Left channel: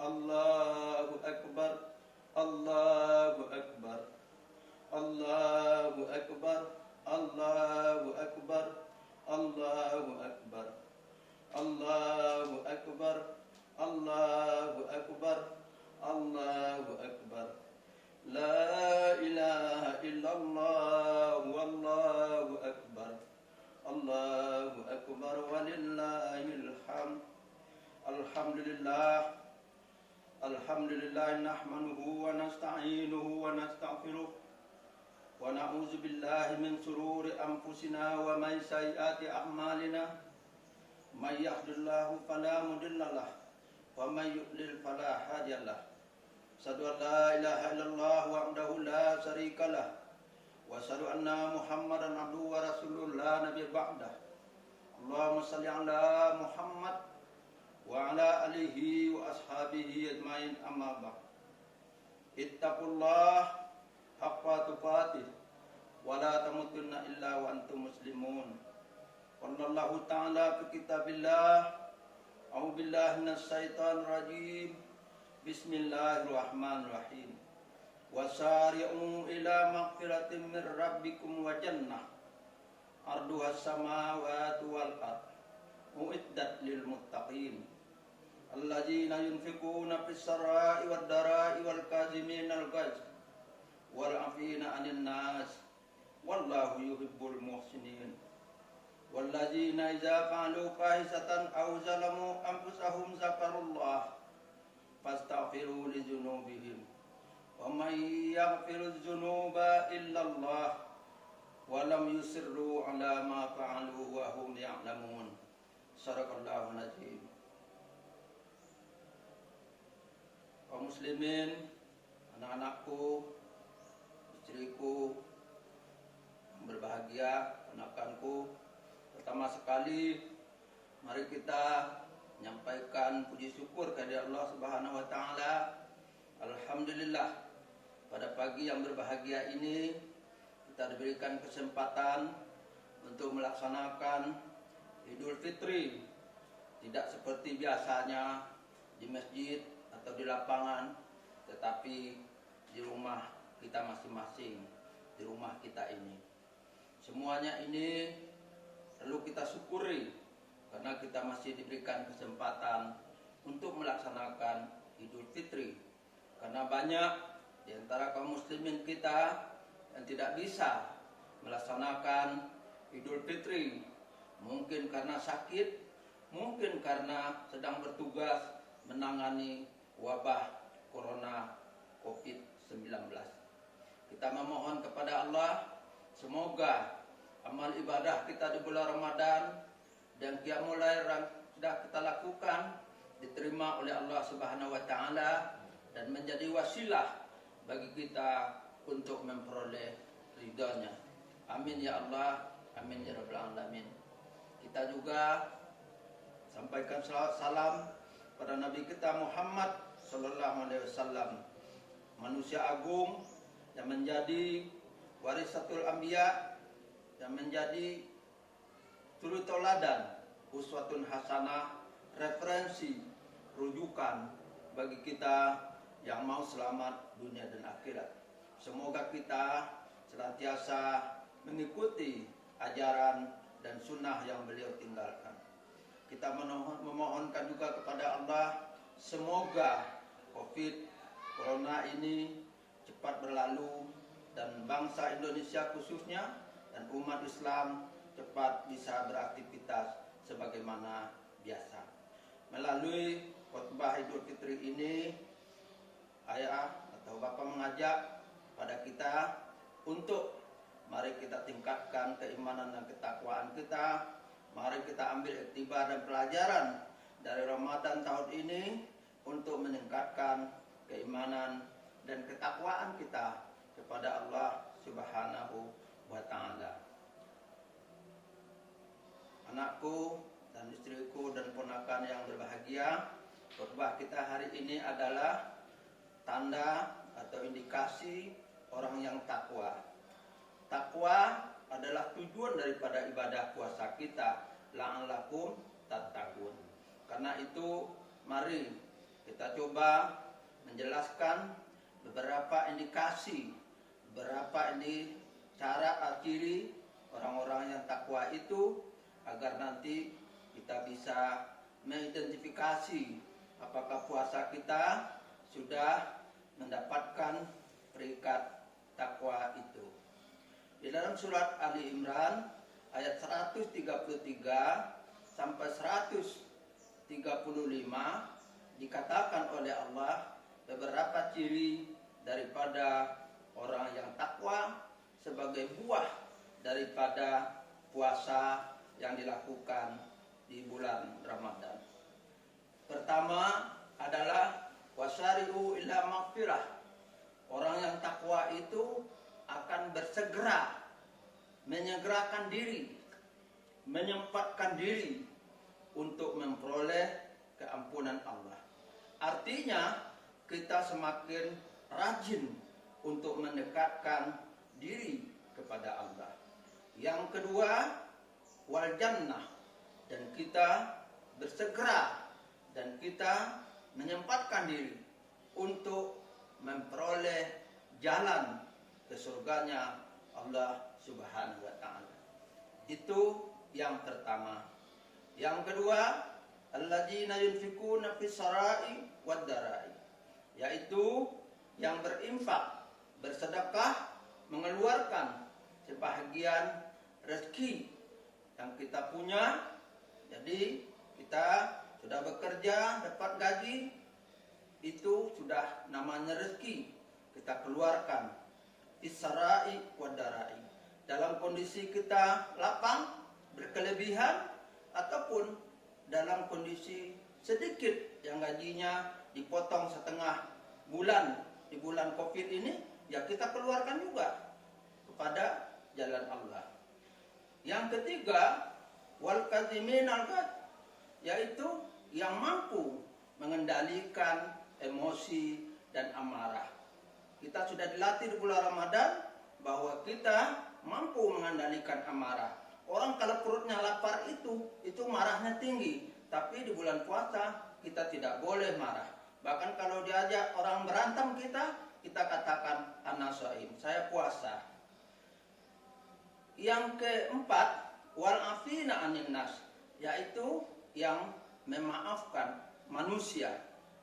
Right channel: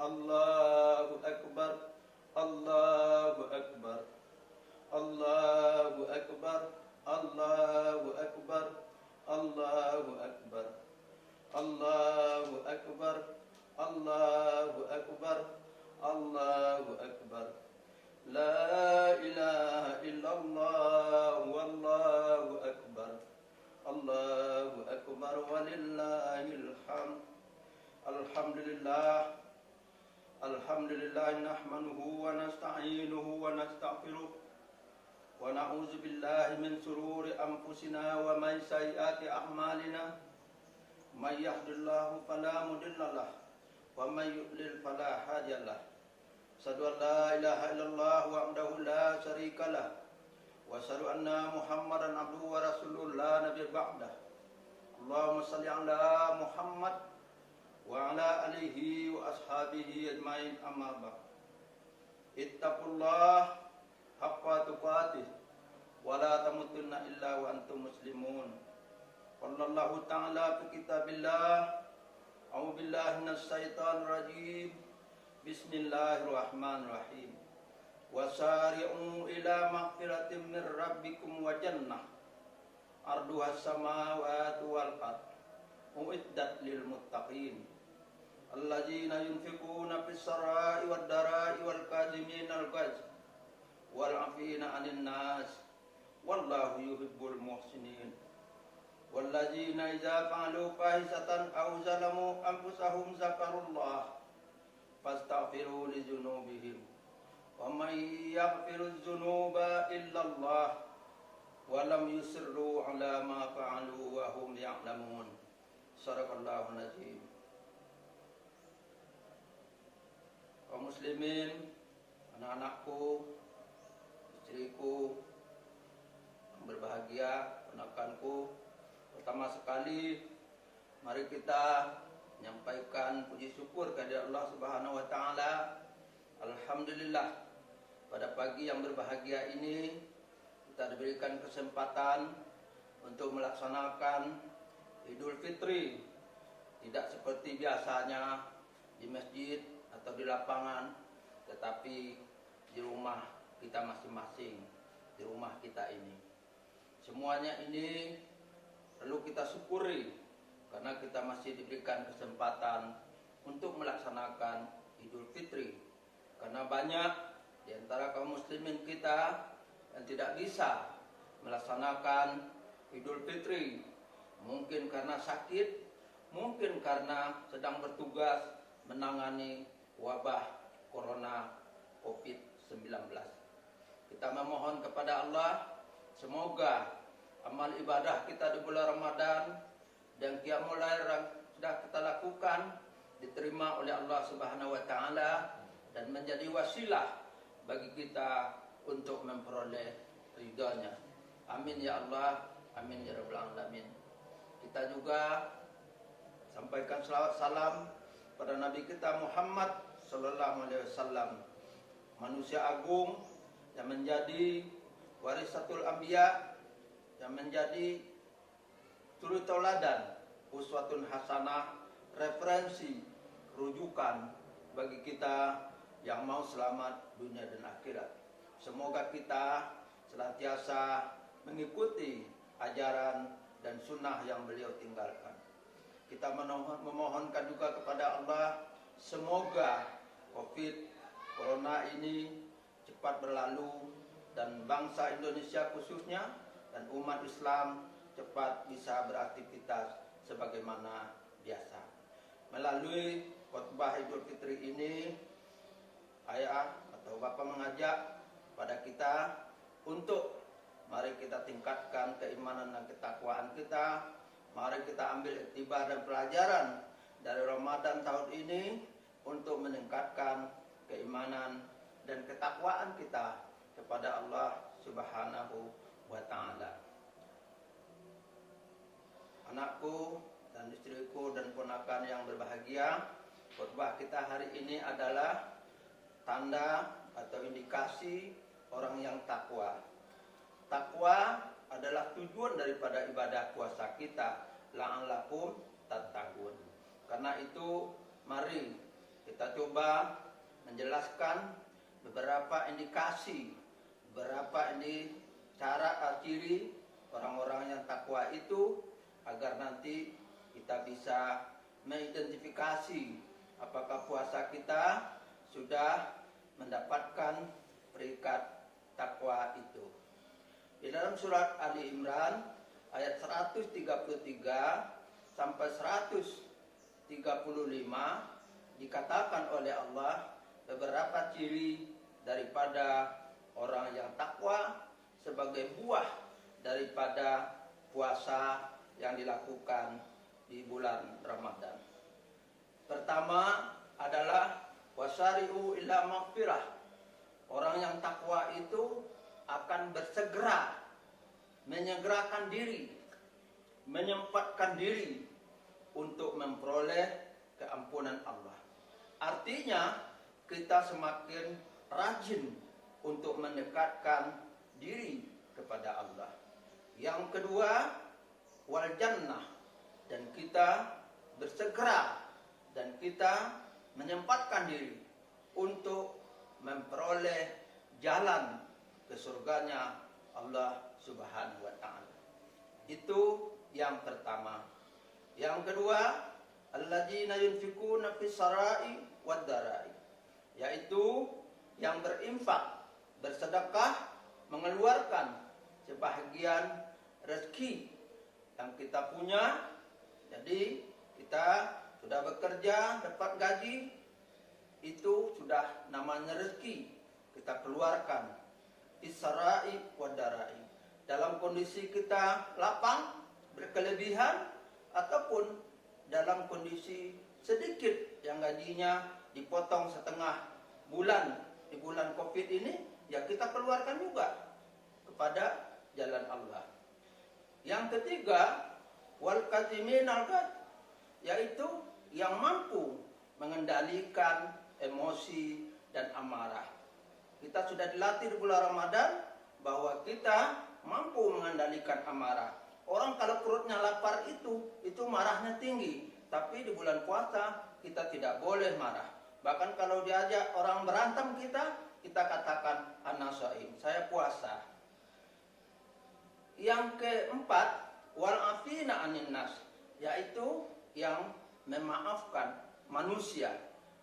Allahu Akbar, Allahu Akbar, Allahu Akbar, Allahu Akbar, Allahu Akbar, Allahu Akbar, Allahu Akbar, Allahu Akbar. La ilaha illallah, wallahu akbar. Allahu akbar walillahil hamd. Alhamdulillah. Alhamdulillah nahmaduhu wa nasta'inuhu wa nastaghfiruh. Wa na'udzu billahi min shururi anfusina wa min sayyiati a'malina. May yahdihillahu fala mudilla lahu wa may yudlil fala hadiya lahu. Asyhadu an la ilaha illallah wahdahu la syarika lah wa asyhadu anna Muhammadan abduhu wa rasuluhu la nabiyya ba'dah. Allahumma shalli ala Muhammad wa ala alihi wa ashabihi ajmain, amma ba'd. Ittaqullah haqqa tuqatih wa la tamutunna illa wa antum muslimun. Wallahu ta'ala fi kitabillah. A'udzu billahi minasy syaithanir rajim. Bismillahirrahmanirrahim. Wasari'u ila maghfiratin min rabbikum wa jannah arduhas samawati wal ard uiddat lil muttaqin alladzina yunfiquna fis sarai wad darai wal kaziminal ghaiz wal 'afina 'anil nas wallahu yuhibbul muhsinin. Walladzina idza fa'alu fahisatan aw zalamu anfusahum zakarullah fastaghfiru li dzunubihim wa may yaghfiru dzunuba illallah wa lam yusirru ala ma fa'alu wa hum ya'lamun. Shadaqallahu nazim. Kaum muslimin, anak-anakku, istriku yang berbahagia, ponakanku, pertama sekali mari kita menyampaikan puji syukur kepada Allah Subhanahu wa taala. Alhamdulillah, pada pagi yang berbahagia ini kita diberikan kesempatan untuk melaksanakan Idul Fitri, tidak seperti biasanya di masjid atau di lapangan, tetapi di rumah kita masing-masing, di rumah kita ini. Semuanya ini perlu kita syukuri karena kita masih diberikan kesempatan untuk melaksanakan Idul Fitri. Karena banyak di antara kaum muslimin kita yang tidak bisa melaksanakan Idul Fitri. Mungkin karena sakit, mungkin karena sedang bertugas menangani wabah Corona COVID-19. Kita memohon kepada Allah, semoga amal ibadah kita di bulan Ramadan dan qiyamul lail yang sudah kita lakukan diterima oleh Allah Subhanahu wa taala dan menjadi wasilah bagi kita untuk memperoleh ridha-Nya. Amin ya Allah, amin ya rabbal alamin. Kita juga sampaikan salawat salam pada Nabi kita Muhammad sallallahu alaihi wasallam, manusia agung yang menjadi warisatul anbiya, yang menjadi suri tauladan, uswatun hasanah, referensi, rujukan bagi kita yang mau selamat dunia dan akhirat. Semoga kita senantiasa mengikuti ajaran dan sunnah yang beliau tinggalkan. Kita memohonkan juga kepada Allah, semoga COVID Corona ini cepat berlalu dan bangsa Indonesia khususnya dan umat Islam cepat bisa beraktivitas sebagaimana biasa. Melalui khutbah Idul Fitri ini, ayah atau bapak mengajak pada kita untuk mari kita tingkatkan keimanan dan ketakwaan kita. Mari kita ambil iktibar dan pelajaran dari Ramadan tahun ini untuk meningkatkan keimanan dan ketakwaan kita kepada Allah Subhanahu wa taala. Anakku dan istriku dan ponakan yang berbahagia, khutbah kita hari ini adalah tanda atau indikasi orang yang takwa. Takwa adalah tujuan daripada ibadah puasa kita, la'allakum tattaqun. Karena itu mari kita coba menjelaskan beberapa indikasi, beberapa cara ciri orang-orang yang takwa itu, agar nanti kita bisa mengidentifikasi apakah puasa kita sudah mendapatkan peringkat takwa itu. Di dalam surat Ali Imran ayat 133 sampai 135 dikatakan oleh Allah beberapa ciri daripada orang yang takwa sebagai buah daripada puasa yang dilakukan di bulan Ramadan. Pertama adalah wasari'u ila maghfirah. Orang yang takwa itu akan bersegera menyegerakan diri, menyempatkan diri untuk memperoleh keampunan Allah. Artinya kita semakin rajin untuk mendekatkan diri kepada Allah. Yang kedua, wal jannah, dan kita bersegera dan kita menyempatkan diri untuk memperoleh jalan ke surganya Allah Subhanahu wa taala. Itu yang pertama. Yang kedua, alladzina yunfikuna fis sarai wad darai, yaitu yang berinfak, bersedekah, mengeluarkan sebahagian rezeki yang kita punya. Jadi kita sudah bekerja, dapat gaji, itu sudah namanya rezeki, kita keluarkan. Isarai wadarai, dalam kondisi kita lapang, berkelebihan, ataupun dalam kondisi sedikit yang gajinya dipotong setengah bulan di bulan Covid ini, ya kita keluarkan juga kepada jalan Allah. Yang ketiga, wal kazimin al-ghaiz, yaitu yang mampu mengendalikan emosi dan amarah. Kita sudah dilatih di bulan Ramadan bahwa kita mampu mengendalikan amarah. Orang kalau perutnya lapar itu marahnya tinggi. Tapi di bulan puasa kita tidak boleh marah. Bahkan kalau diajak orang berantem kita katakan ana shaim, saya puasa. Yang keempat, wal afina anin nas, yaitu yang memaafkan manusia.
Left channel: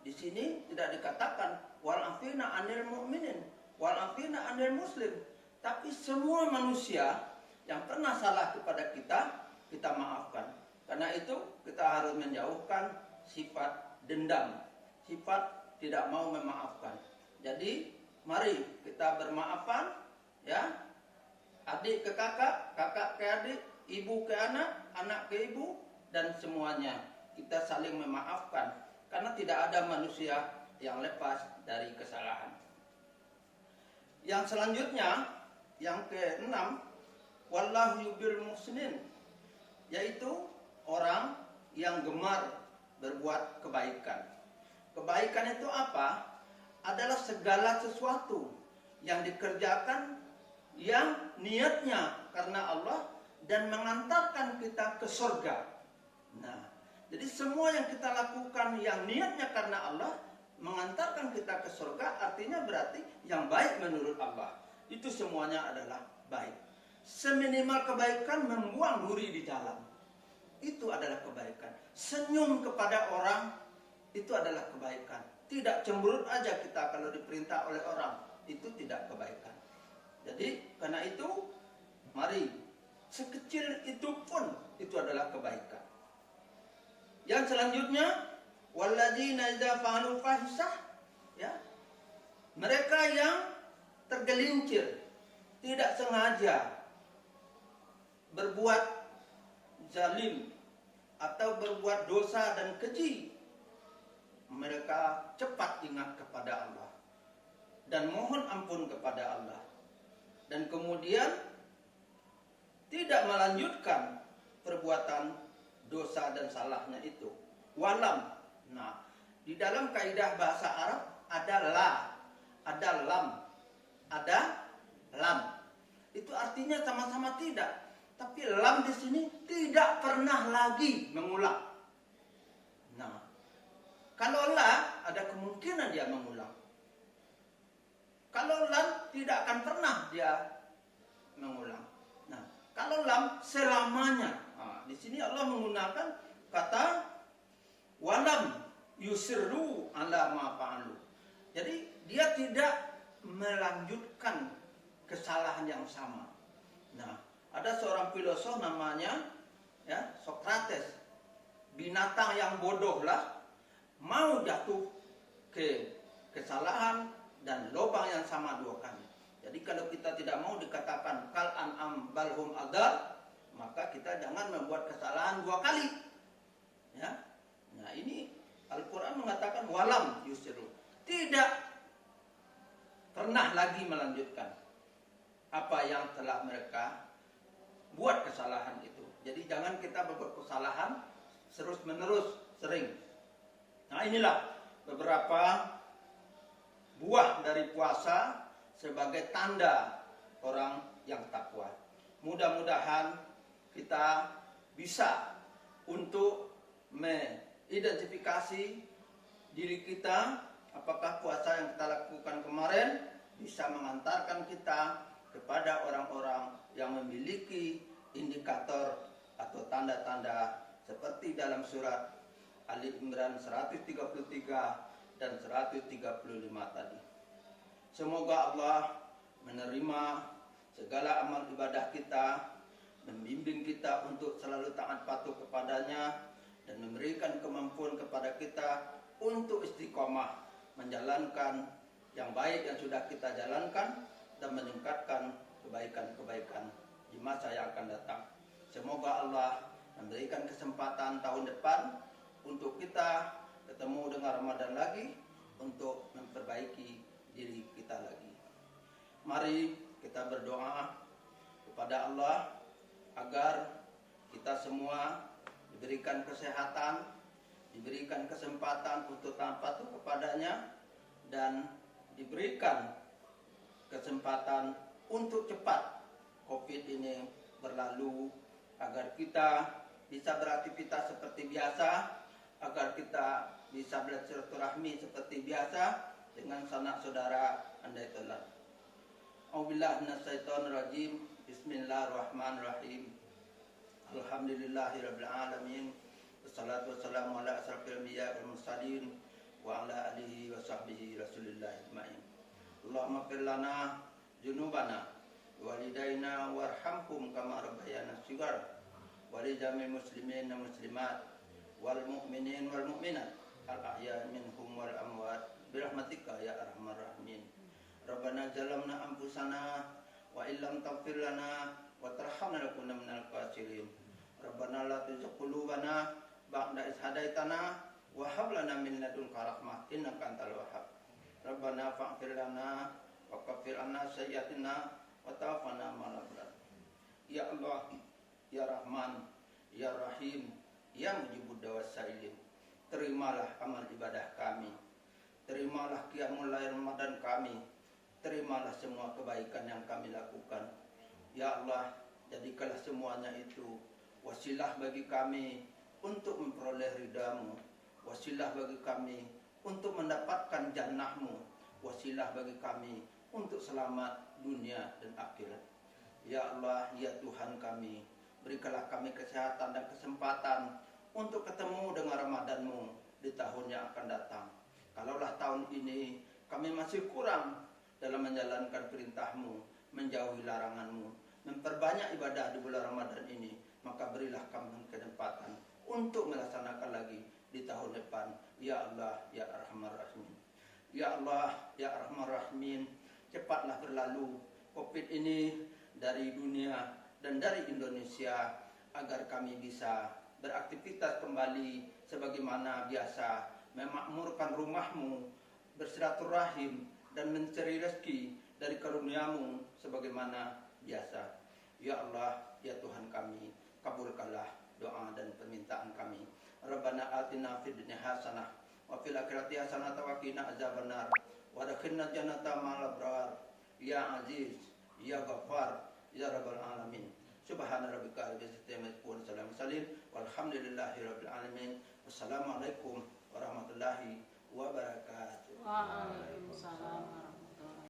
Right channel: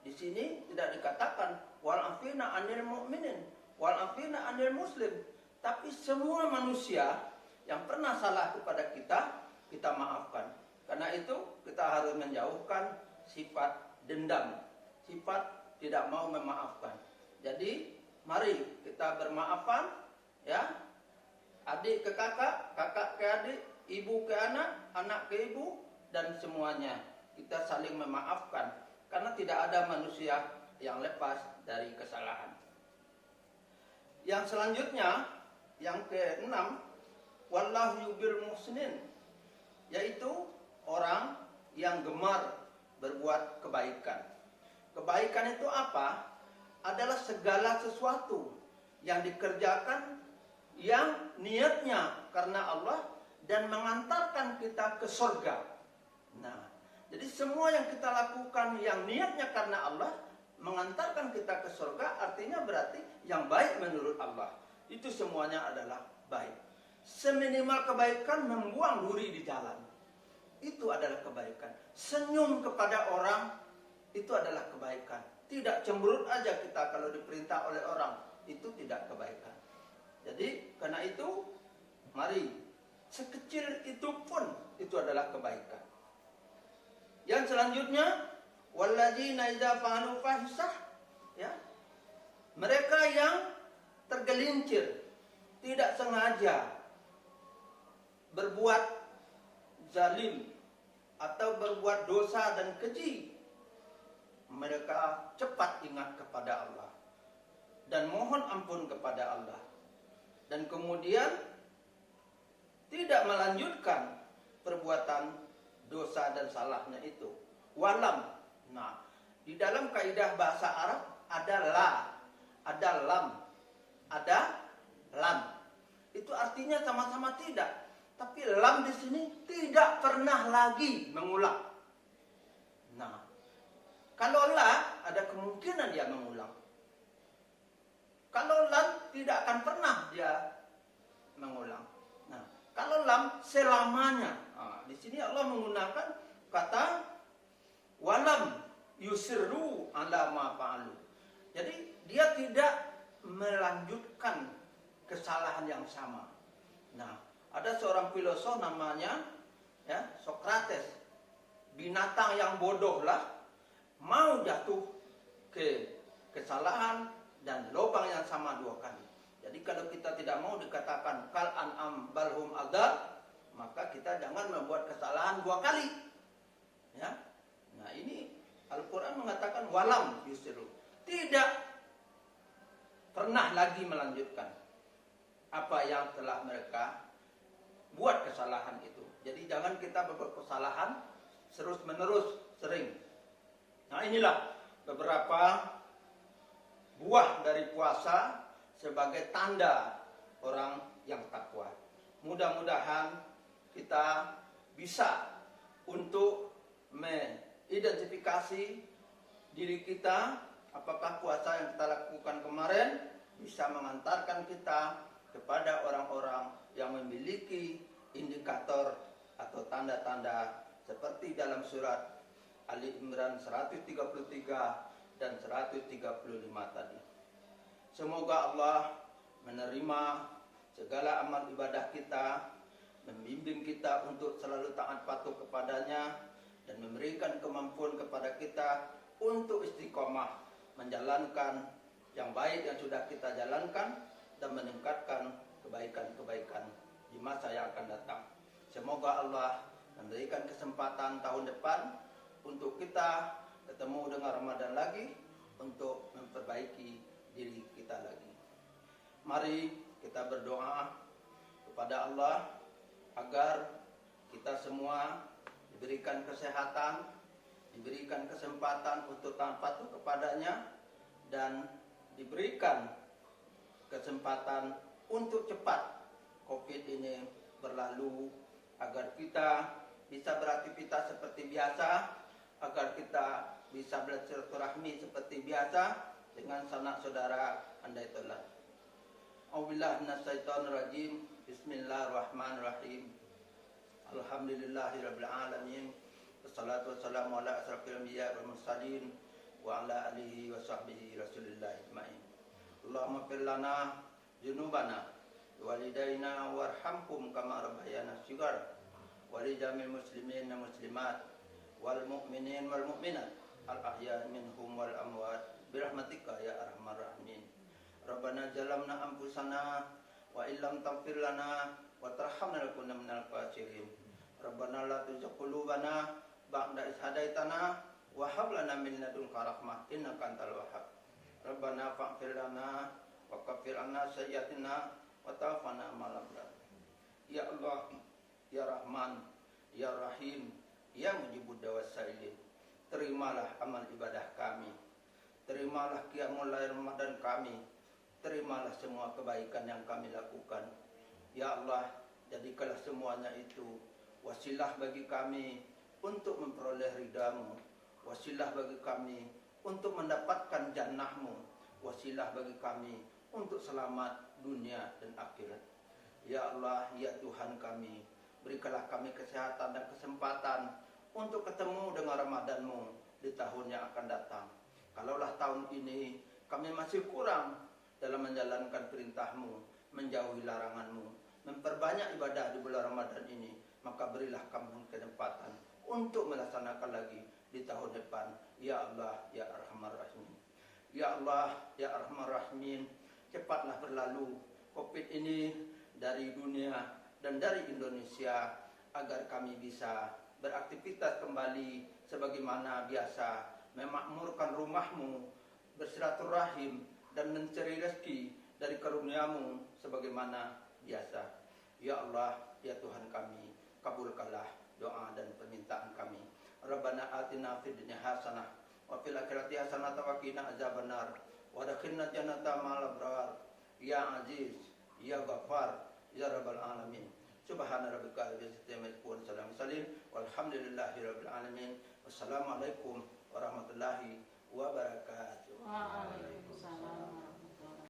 Di sini tidak dikatakan wal afina anil mu'minin, wal afina anil muslim, tapi semua manusia yang pernah salah kepada kita maafkan. Karena itu kita harus menjauhkan sifat dendam, sifat tidak mau memaafkan. Jadi mari kita bermaafan, ya, adik ke kakak, kakak ke adik, ibu ke anak, anak ke ibu, dan semuanya kita saling memaafkan. Karena tidak ada manusia yang lepas dari kesalahan. Yang selanjutnya, yang keenam, wallahu yubil musnin, yaitu orang yang gemar berbuat kebaikan. Kebaikan itu apa? Adalah segala sesuatu yang dikerjakan yang niatnya karena Allah dan mengantarkan kita ke surga. Nah, jadi semua yang kita lakukan yang niatnya karena Allah mengantarkan kita ke surga, artinya berarti yang baik menurut Allah. Itu semuanya adalah baik. Seminimal kebaikan membuang duri di jalan, itu adalah kebaikan. Senyum kepada orang, itu adalah kebaikan. Tidak cemberut aja kita kalau diperintah oleh orang, itu tidak kebaikan. Jadi karena itu, mari sekecil itu pun itu adalah kebaikan. Yang selanjutnya, walladzina idza fa'alu fahisah, ya. Mereka yang tergelincir, tidak sengaja berbuat zalim atau berbuat dosa dan keji, mereka cepat ingat kepada Allah dan mohon ampun kepada Allah, dan kemudian tidak melanjutkan perbuatan dosa dan salahnya itu. Walam. Nah, di dalam kaidah bahasa Arab ada la, ada lam, ada lam. Itu artinya sama-sama tidak. Tapi lam di sini tidak pernah lagi mengulang. Nah, kalau la ada kemungkinan dia mengulang. Kalau lam, tidak akan pernah dia mengulang. Nah, kalau lam, selamanya. Nah, di sini Allah menggunakan kata walam yusirru ala ma fa'alu. Jadi dia tidak melanjutkan kesalahan yang sama. Nah, ada seorang filosof namanya Sokrates. Binatang yang bodoh lah mau jatuh ke kesalahan dan lubang yang sama 2 kali. Jadi kalau kita tidak mau dikatakan kal an'am balhum adal, maka kita jangan membuat kesalahan 2 kali. Ya. Nah, ini Al-Quran mengatakan walam yusiru, tidak pernah lagi melanjutkan apa yang telah mereka buat kesalahan itu. Jadi jangan kita berbuat kesalahan terus menerus sering. Nah, inilah beberapa buah dari puasa sebagai tanda orang yang takwa. Mudah-mudahan kita bisa untuk mengidentifikasi diri kita, apakah puasa yang kita lakukan kemarin bisa mengantarkan kita kepada orang-orang yang memiliki indikator atau tanda-tanda seperti dalam surat Ali Imran 133 dan 135 tadi. Semoga Allah menerima segala amal ibadah kita, membimbing kita untuk selalu taat patuh kepadanya, dan memberikan kemampuan kepada kita untuk istiqomah menjalankan yang baik yang sudah kita jalankan dan meningkatkan kebaikan-kebaikan di masa yang akan datang. Semoga Allah memberikan kesempatan tahun depan untuk kita ketemu dengan Ramadan lagi, untuk memperbaiki diri kita lagi. Mari kita berdoa kepada Allah agar kita semua diberikan kesehatan, diberikan kesempatan untuk taat patuh kepadanya, dan diberikan kesempatan untuk cepat COVID ini berlalu, agar kita bisa beraktivitas seperti biasa, agar kita bisa bersilaturahmi seperti biasa dengan sanak saudara andai tolan. A'udzubillahi minasyaitonirrajim. Bismillahirrahmanirrahim. Alhamdulillahirabbil alamin. Wassalatu wassalamu ala asrofil anbiya'i wal mursalin wa ala alihi wa sahbihi rasulillah ajmain. Allahumma fir lana junubana walidaina warhamhum kama rabbayana shighar wa li jamil muslimin wa muslimat wal mu'minin wal mu'minat al ahya minhum wal amwat birahmatika ya arhamar rahimin. Rabbana zalamna anfusana wa illam taghfir lana wa tarhamna lakunanna minal khasirin. Rabbana la tuzigh qulubana ba'da idh hadaitana wa hab lana min ladunka rahmah innaka antal wahhab. Rabbana faghfir lana wa kaffir anna sayyi'atina wa tawaffana ma'al abrar. Ya Allah, ya Rahman, ya Rahim, ya mujibud da'was sailin, terimalah amal ibadah kami, terimalah qiyamul lail Ramadan kami, terimalah semua kebaikan yang kami lakukan. Ya Allah, jadikanlah semuanya itu wasilah bagi kami untuk memperoleh ridha-Mu, wasilah bagi kami untuk mendapatkan jannah-Mu, wasilah bagi kami untuk selamat dunia dan akhirat. Ya Allah, ya Tuhan kami, berikanlah kami kesehatan dan kesempatan untuk ketemu dengan Ramadan-Mu di tahun yang akan datang. Kalaulah tahun ini kami masih kurang dalam menjalankan perintah-Mu, menjauhi larangan-Mu, memperbanyak ibadah di bulan Ramadan ini, maka berilah kami kesempatan untuk melaksanakan lagi di tahun depan. Ya Allah, ya Arhamar Rahimin. Ya Allah, ya Arhamar Rahimin, cepatlah berlalu COVID ini dari dunia dan dari Indonesia, agar kami bisa beraktivitas kembali sebagaimana biasa, memakmurkan rumah-Mu, bersilaturahim dan mencari rezeki dari karunia-Mu sebagaimana biasa. Ya Allah, ya Tuhan kami, kabulkanlah doa dan permintaan kami. Rabbana atina fid dunya hasanah wa fil akhirati hasanah wa qina azabannar wa adkhilna jannata ma'al abrar. Ya Aziz, ya Ghaffar, ya Rabbal alamin. Subhana rabbika rabbil izzati amma yasifun, salamun alal mursalin walhamdulillahi rabbil alamin. Wassalamualaikum warahmatullahi wabarakatuh.